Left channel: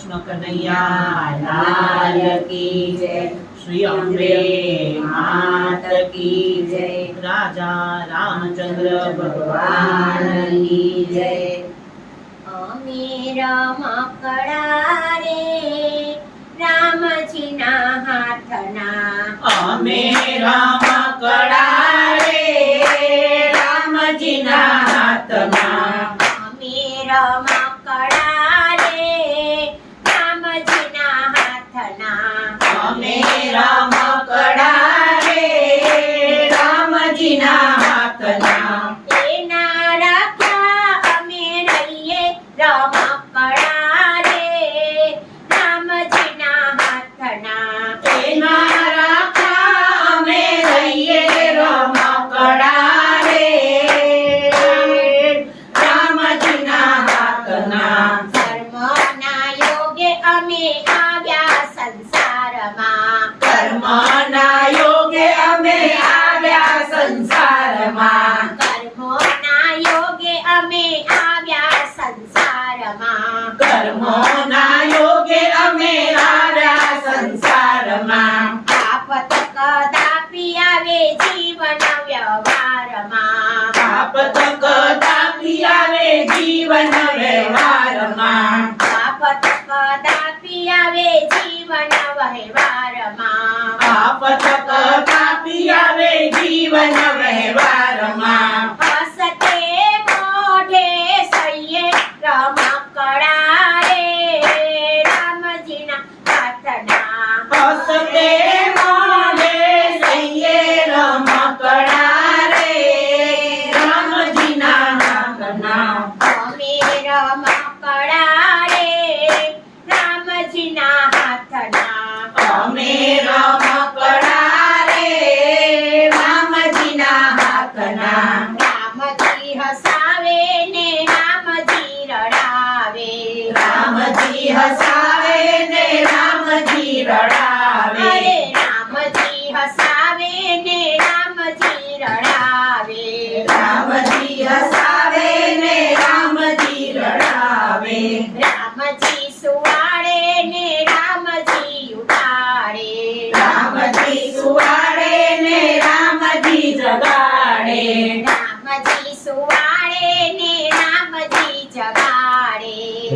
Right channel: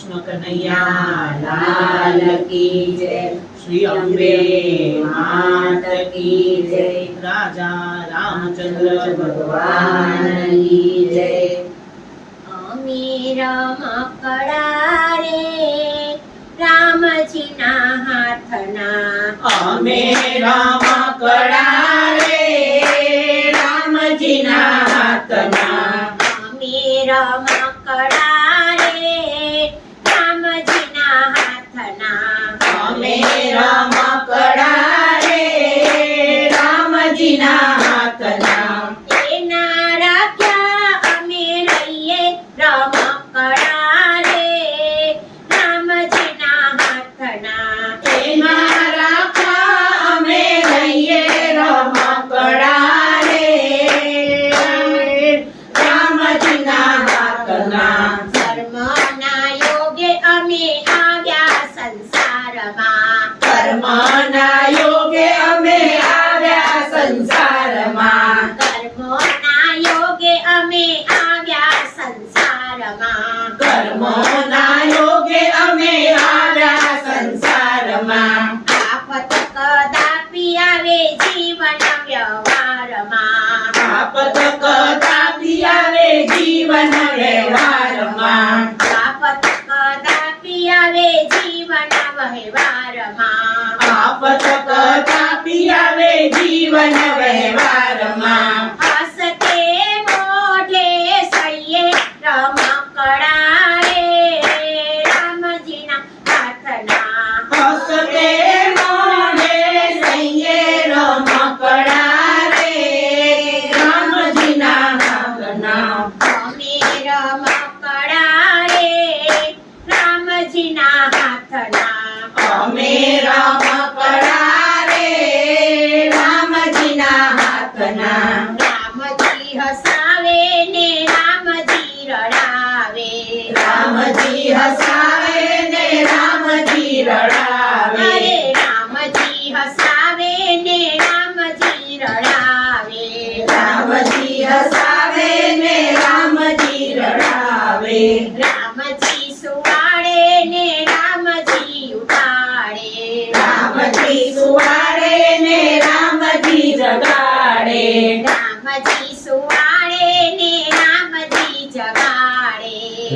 કૃષ્ણ કનૈયા લાલ કી જય. શ્રી અંબે માત કી જય. રાજા રામચંદ્ર ભગવાન કી જય. અમીર મકડા રે રામજીના હાથના. અમે રામ કડા રે રામજીના હાથના. અમે રામ Amen. કર્મોના યોગે અમે હાર્યા સંસારમાં. આફત કદાપી આવે જીવન વ્યવહારમાં. આફત કદાપી આવે જીવન વ્યવહારમાં. આફત કદાપી આવે જીવન વ્યવહારમાં. આફત કદાપી આવે જીવન વ્યવહારમાં.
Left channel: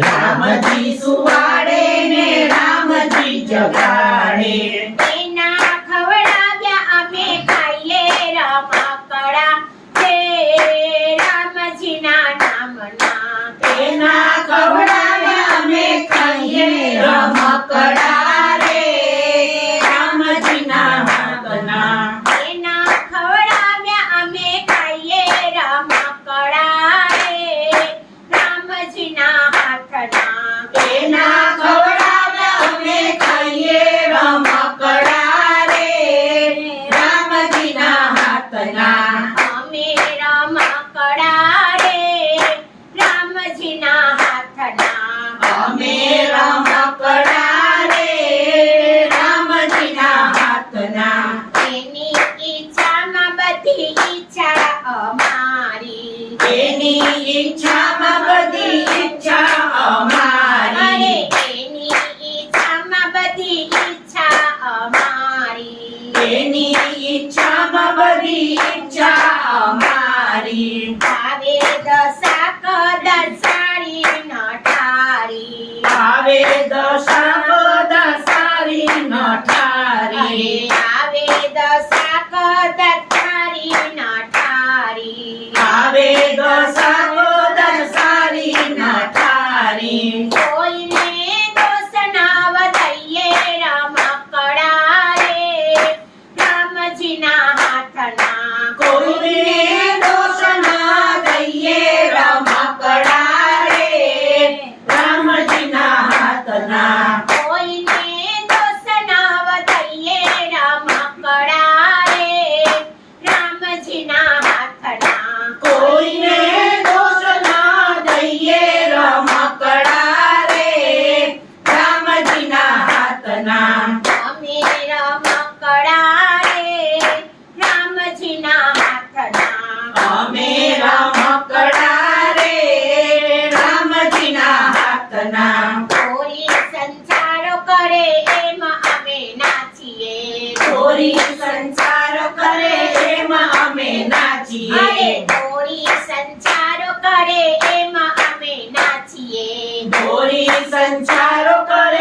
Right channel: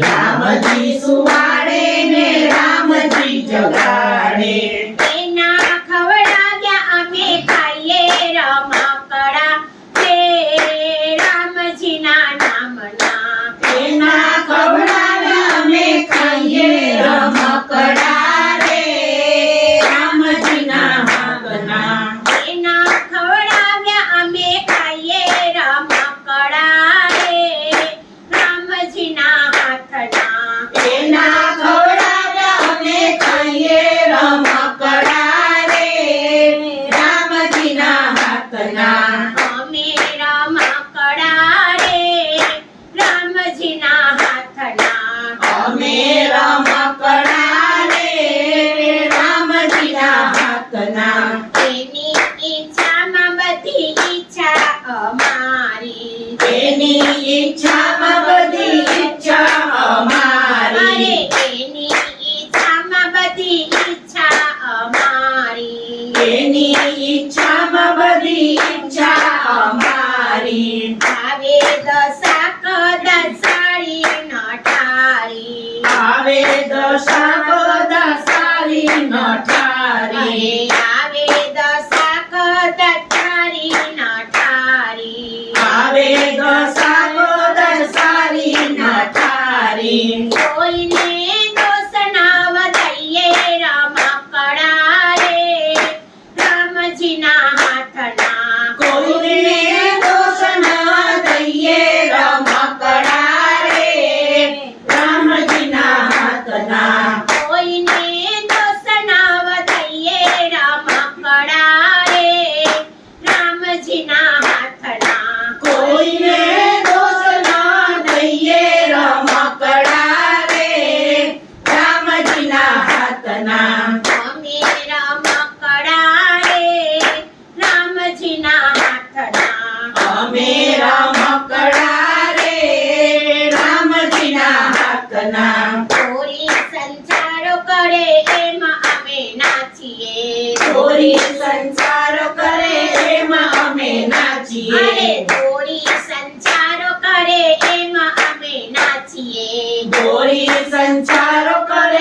રામજી સુવાડે ખવડાવ્યા અમે ખાઈએ રમકડા. છે રામજીના નામના. એના ખવડાવ્યા એની ઈચ્છામાં બધી ઈચ્છા અમારી ભાવે દસ હકના સંચારો કરે એમાં અમે નાચીએ. ચોરી અમે નાચીએ. અરે સંચારો કરે એમાં અમે નાચીએ. ચોરી સંચારો કરે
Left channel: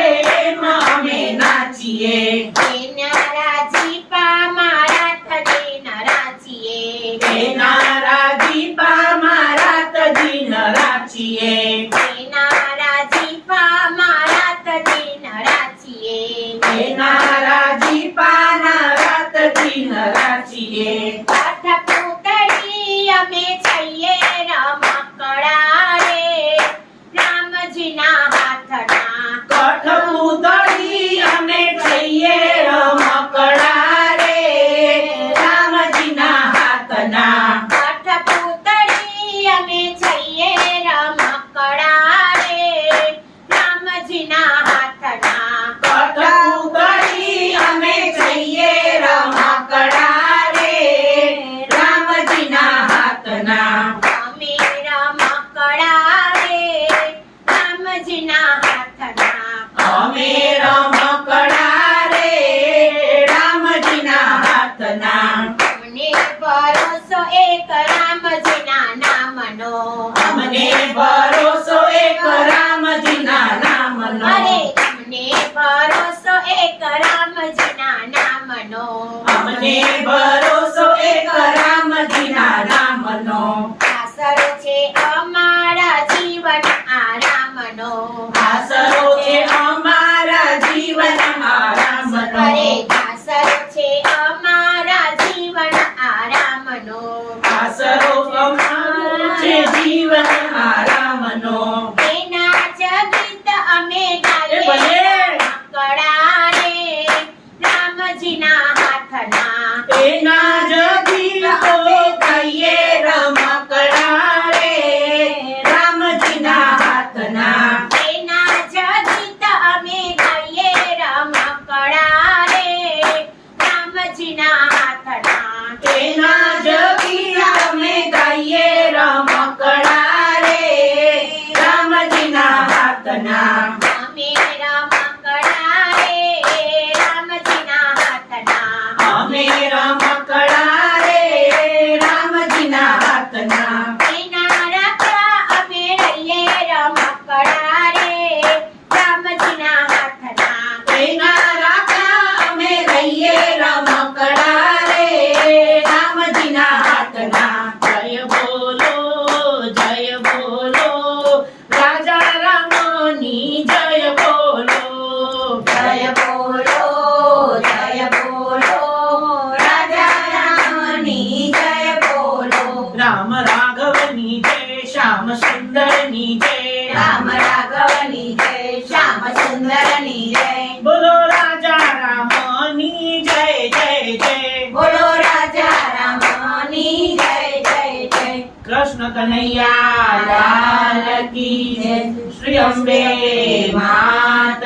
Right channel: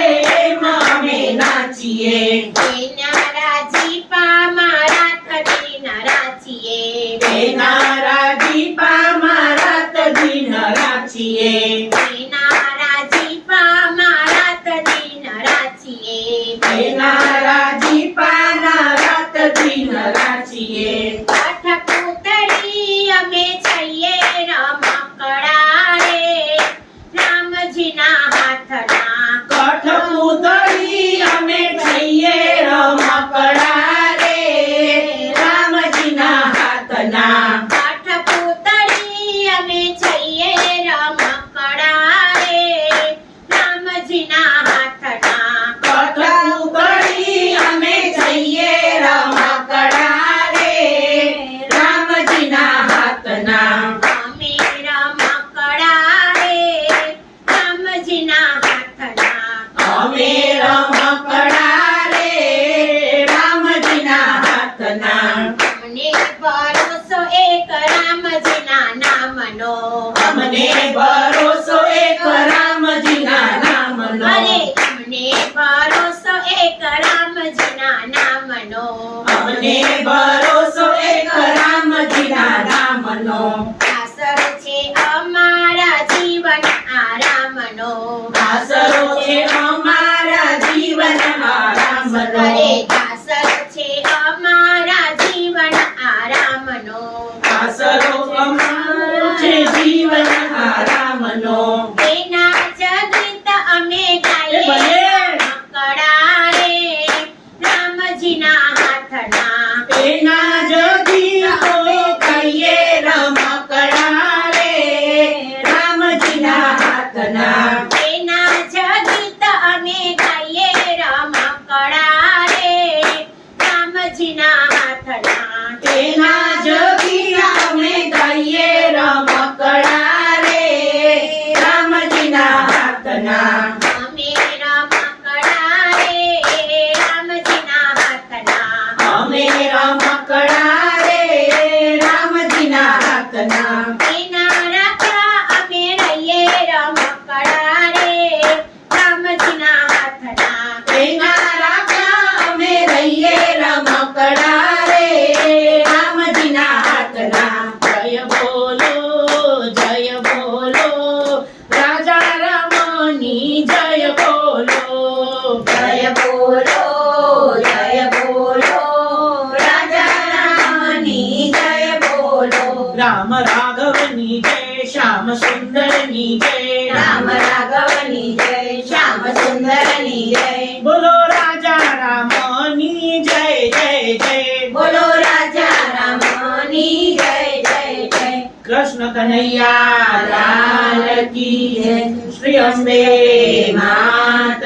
નામનો અમને ભરોસો એક રામજીના નામનો. અરે અમને ભરોસો એક રામજીના નામનો. અમને ભરોસો એક રામજીના નામનો આસરો છે અમારા જીવન આરામનો આસરો છે અમારા જીવન આરામનો અરે આસરો છે અમારા જીવન આરામનો આસરો અમારો છે જીવન આરામનો એના જગીત અમે એ ગાઈએ ભલે. રમકડા રે રામજીના હાથના એના જગીતો કહીએ રમકડા રે રામજીના હાથના એના જગીત અમે ગાઈએ રમકડા રે રામજીના હાથના એના જગી અમે ગાઈએ રમકડા રે રામજીના હાથના અમે રમકડા રે રામજીના હાથના અમે રમકડા રે રામજીના હાથના એના રાખા અમે રહીએ રમકડા રે રામજીના હાથના એના રાખા અમે રહીએ રમકડા રે હાથના જય બોલો જય બોલો. રાજા રામની જય બોલો. જય બોલો જય બોલો. રાજા રામની જય બોલો. રામ રાઘવની જય શ્યામ સુંદરની જય. રામ રાઘવની જય શ્યામ સુંદરની જય. બોલો રાજા રામની જય જય જય. બોલો ની જય જય જય. કૃષ્ણ કનૈયા લાલ કી જય. શ્રી અંબે માત